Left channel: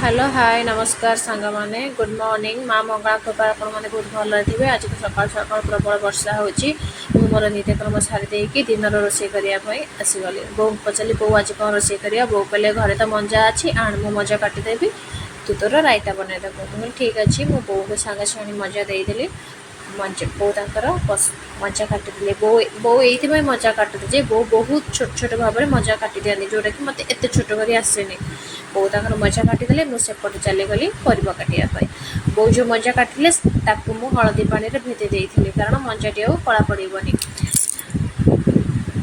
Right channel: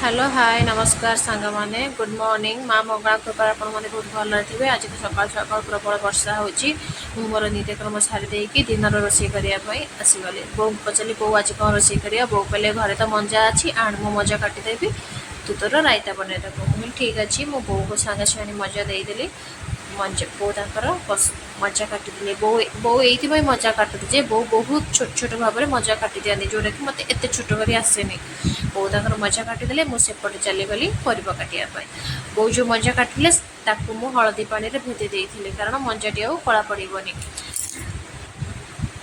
Hello hi नमस्कार सांग माने गुड मॉर्निंग माँ मंगला कृपा आपण मैंने बहुत भल थे। आज तो सकाल सकाल प्रबल वर्षा होची मोर नित्यक्रम सारी दिन रोषे करने आसीगली बो पचारि बो आज कौन रोषे कर बो कहले घरे तो मंजा अच्छी आण मु मजा काटिदेवी तू तोर रायता बनईदेबू मुझे ठीक अच्छे मो बो को सांगे छाणी मजा देदेली मंजा बो तर मजा काटिदे बो ये मजा काटुदे जे बो बहुत छोट छोट भाव में मजा काटि दिखाती जोटा कि मत एत छोट कर आसेनी बो तर मजा काटिदेले मुझेपटे चलीगली परिवा काटापी बो जो मजा काटिले ताकू मु हलदी पानी भेदे देती कारण मंजाटी आ कला पड़ोनी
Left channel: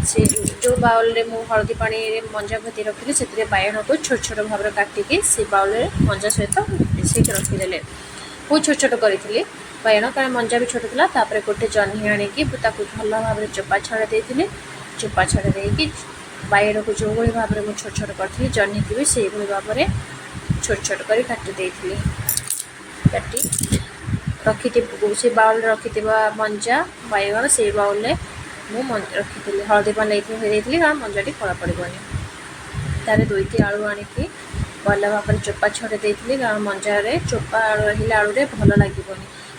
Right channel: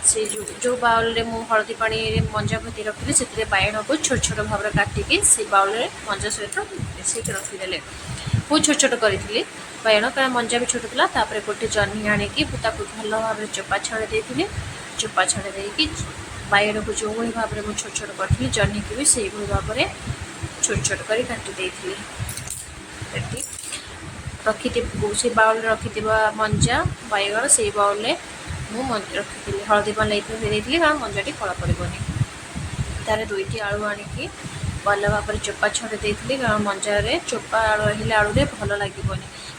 से जो बाउल रे मु हलदी पानी मंजा भेदी रखी से बाइगण को छोट छोट भाव में काटिकी से बाउल रे मंजा सहित मिसेक रखीदे बहुत छोट छोट करी बाइगण कारण मंजा भी छोट था गोटे जह्नी आणिकी भल भाव में चोपा छड़े देती चोपा छड़े देकी बाइगण को जो भाई भाव में मुझे छोट छोट करी जह्नी की भी से भाव में छोट छोट कर काटी काटी रखी से बाउल रखि मंजा बाइगण से बाउल मुझे रखी हलदी पानी भेदी कारण मंजाटी कला पड़ोनी तार दुईटी आलू आणिकी भल भाव में चोपा छड़े देती कारण मंजार चोपा आलू रही आलू भल लगे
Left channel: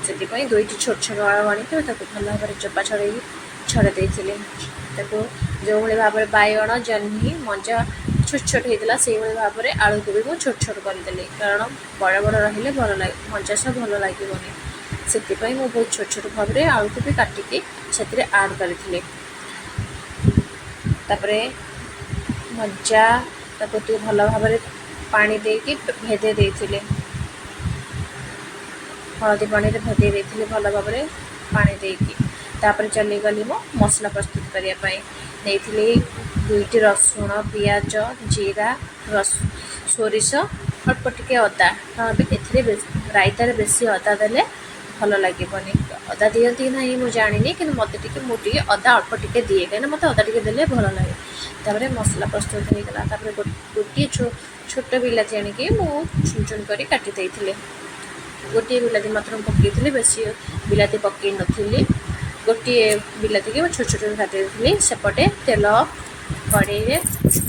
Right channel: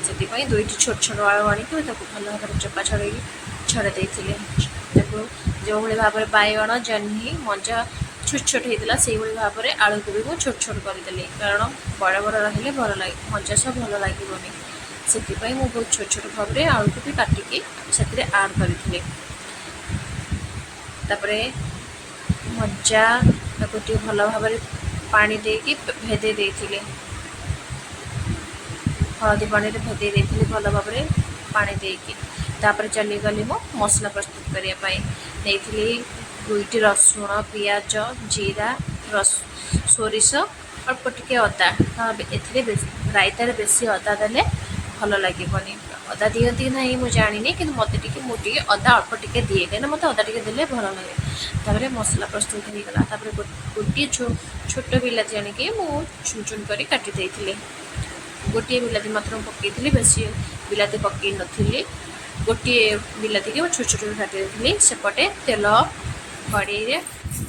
से दुईटी छोट छोट आलू आणिकी भल भाव में चोपा छड़े छड़े देती जो भाई भाव में बाइगण जह्नी मंजा छोट छोट होता से भाव में आलू को भी मुझे छोट छोट करदेली कारण बड़ बड़ रही भल लगे मंजा सब भल लगे से मुझे बहुत छोट छोट भाव में आलू को भी काटिकी से आड करी मंजा भल भाव में पानी देकी भेदे देती हलदी पानी भेदे देती भल भाव में पानी देकी चलीगली मो मसला प्रस्तुत करने दुईटी रसुण पियाज जीरा सोरिष अल्प टिके अदा रायतार बेसी अदा देले भल लगे अदा दिखती ना मुझे जानी कि मत मुझे अदा अल्प टिके दिए कहीं मत अदा टिके देले भल लगे मसला प्रस्तुत होगा गोटे छोट बिलाती आणिकी चुन चुन कर काटी गोटे बिलाती मात्र पकई बेसी बिलाती पकई नी गोटे बिलाती की छोट छोट काटी सेपटे तेल कड़े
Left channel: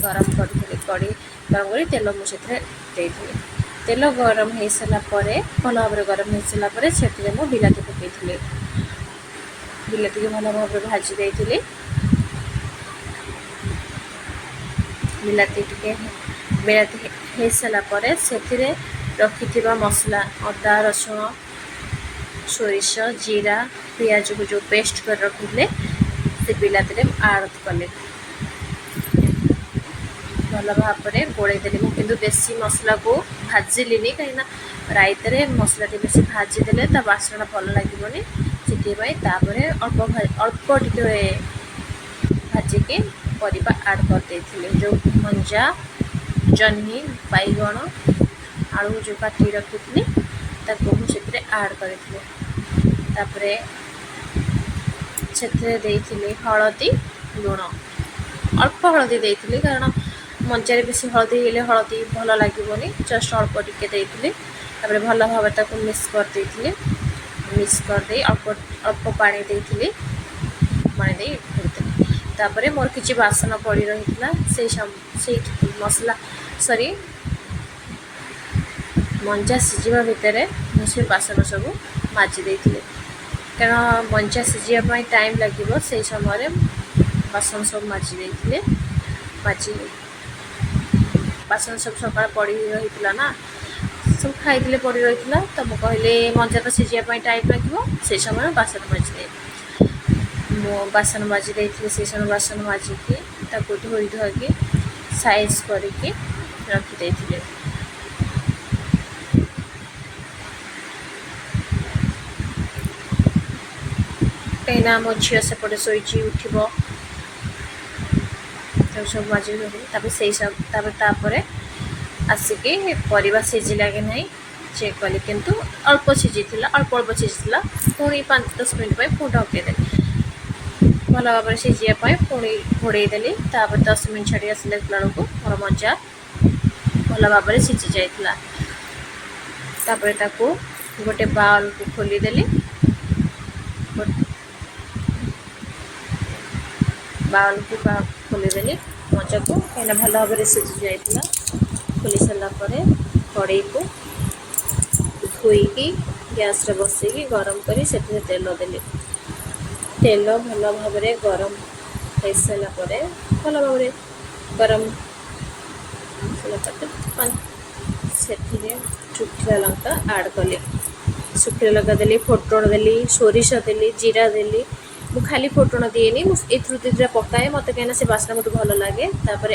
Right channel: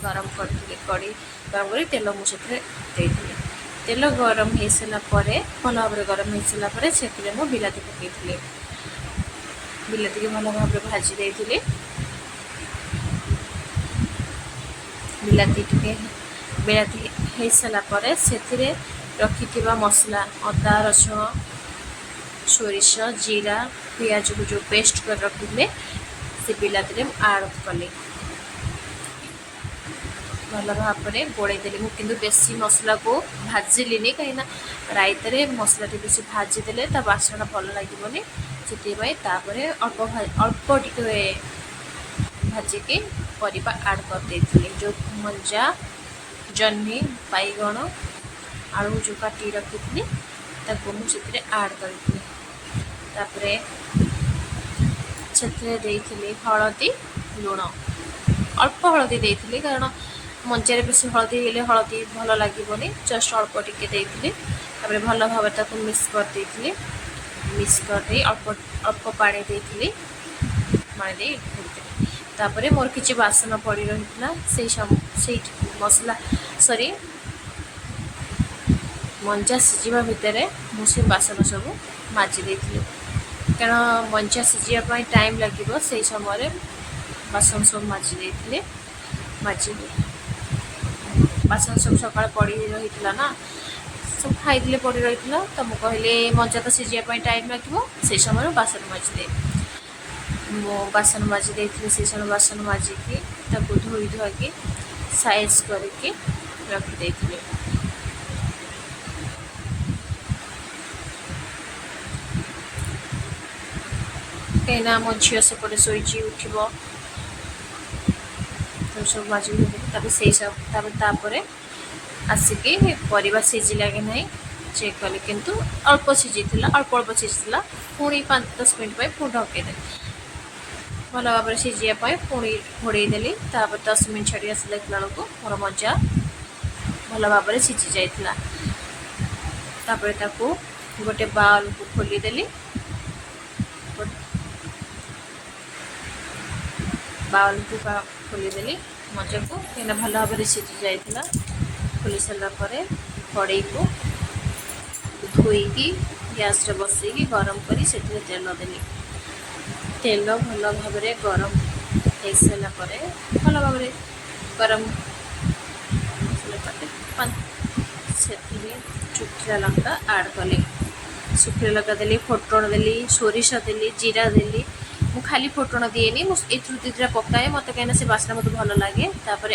गरम करी कड़े गरम कर तेल मुझे तेल गरम हो सारापर भल भाव में गरम हो सारापर से बिलाती पकई बिलाती की भल भाव में भाजी देती बिलाती बिलाती हो सारापर से रखि मसला अदा रसुण सोरिष जीरा पियाज को जो पेस्ट कर रखिले से बिलाती आड़ कले भल भाव में गोलदेली मुझे बेसी मसला को भाजिली कहीं रायतार मसला बेसी भाजीदे बासना भल लगे से अल्प टे भाजिकी परिवा आड कर देती जो मंजा जह्नी बाइगण आलू जो काटी रखी मुझे आड करी हलदी लुण अल्प हलदी देती कारण मंजार बेसी हलदी हलदी भल लगे जस्ट अल्प टिके देती भल भाव में मिक्स कर मिक्स कर अल्प पानी देती पानी घोड़ती मोर किसी बासन पड़ रही से मसला सॉरी मंजा सीझा भितर मुझे बासन सब माजी देती कारण मंजा सीझापी टाइम लगे से समय बासन सब माजी देती माजी बासन सब सका पड़ रही ना सब खाई पड़ रही तो मुझे कहले मंजा तो सीझापी टाइम लगे से समय बासन माजी दे मो बासन माजी देती से समय बासन माजिकी धोई धोकी साइज करके रखिदे कहीं मो झील सेपटे शोची उठब सब माजिक से सब आसिकी परिवा सीझिला कि नहीं चेक कली किंतु अल्प सीझी अल्प अल्प सीझी पुणी 5-10 मिनट पुणी ढकेदे भल भाव में सीझापी पुणी घोड़देली 10 मिनट छाड़ी आसला बेलू मोर मंजा भल भाव में सीझी जाइला गोटे बाउल को खोलीदेली बाउल को खोलीदेली मंजा को कहीं भल भाव में सीझी जाइला खोली सारापर कड़े को धोईकी गैस रे बसैकी गरम करी से तेल देली तेल भल भाव गरम हो सारा भल भाव गरम से शुखिला लंका आड कली शुखिला लंका देली फोटण देली सोरिष देली जीरा देली मु खाली फोटण दिएनी मुझे पकाए मत कहीं से बास्ना मत भल लगे तापर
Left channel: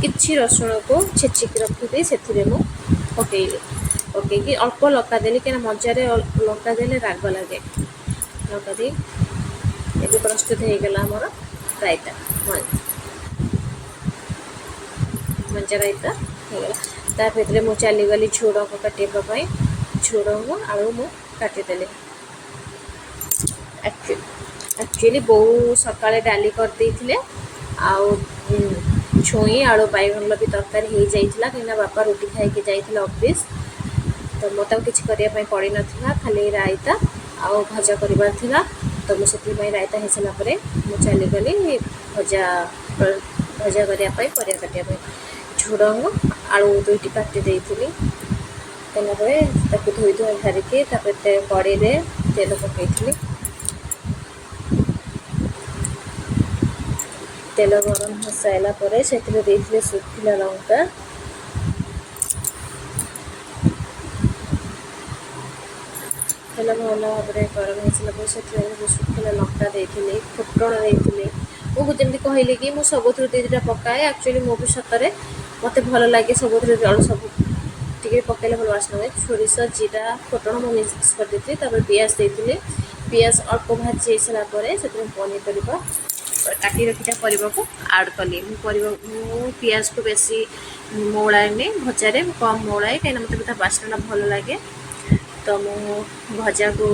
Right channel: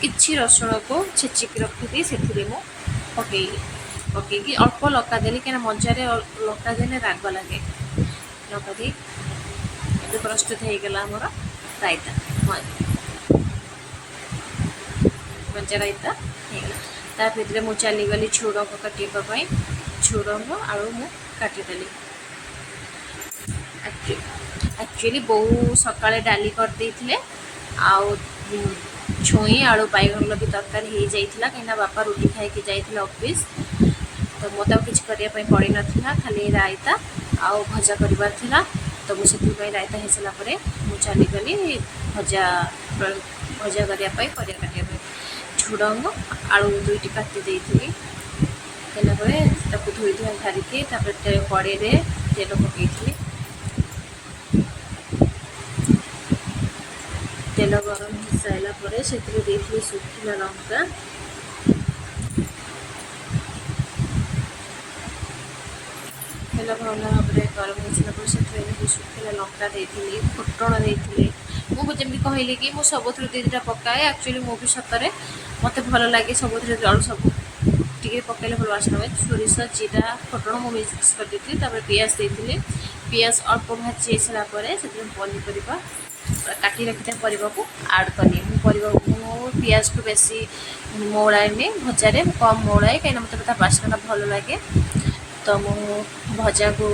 किछि रसुण को छेचिक रखी से पकईली पकईकी अल्प लंका देली कहीं मजारे लंका देले राग लगे लंका दी ये प्रस्तुत हो गला आमर रायता मंजा रायता हो गला ताभितर मु चलीगली झुड़ंग काटापी झुड़ंग आलू मु काटिदेली एक्चुअली बो सकाळे डाली कर देइथिले आउ छुई आलू बैगन भी तरकारी हो जाइथिला कहीं बापा रोटी खाई जाइथिले ऑफिस तो मत किसी करने पड़ी नाला खाली रायता आउ भजा करबार थिला तो मुझे रायता हो सारा पर मुझे चलीगली भजा भजा करने परिया काटापी झुड़ंग आलू दुईटी काटी देइथिली तेल पर धोई धुआ सारिकी कड़े तेल पकईली तेल गरम हो सारा पर से शुखिला लंका तेल भल भाव गरम हो सारा पर शुखिला लंका देती फुटण देती मुझे कहली कि मुझे सब दुईटा पकाए एक्चुअली मु भी सतरे मत भल लगे सब सब टी पकड़े भल बासना हुए सोरिष जीरा फुटण मुझे मिक्स कर देती पियाज देती पियाज अल्प भाजी सारा से पनीपरिया काटी रखी परिवा को आड कली पियाज को बेसी मौलाएनि भजारे कम मौलाए कहीं मतलब बासना भल लगे तो मु भजा को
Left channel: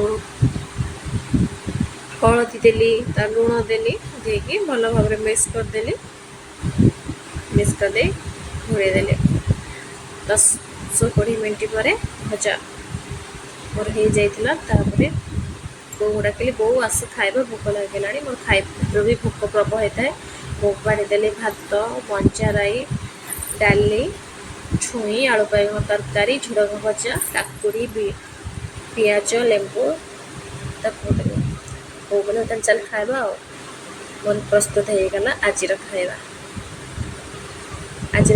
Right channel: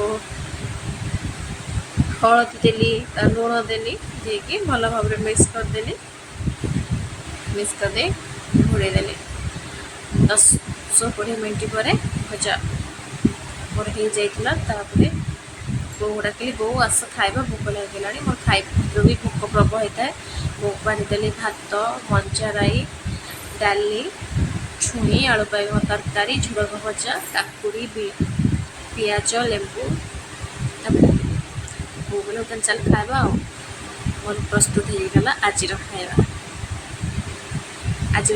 हलदी देली लुण देली देकी भल भाव मिक्स करदेली मिक्स कर घोड़े देली 10-20 मिनट पर भजा मोर हो जाइतिला तापरे बो डाकिली बो आस खाइबा भोक लगे मोर खाइबा भी भोक प्रबल होता है बो बाढ़ीदेली भात मंजा राई डाली छुई आलू बैगन तरकारी झुड़ंग भजा काकुड़ी पियाज लेंबू पकड़े बो बोले तेल चल खाइबा मोर प्रस्तुत हो गला आज खाइबा आज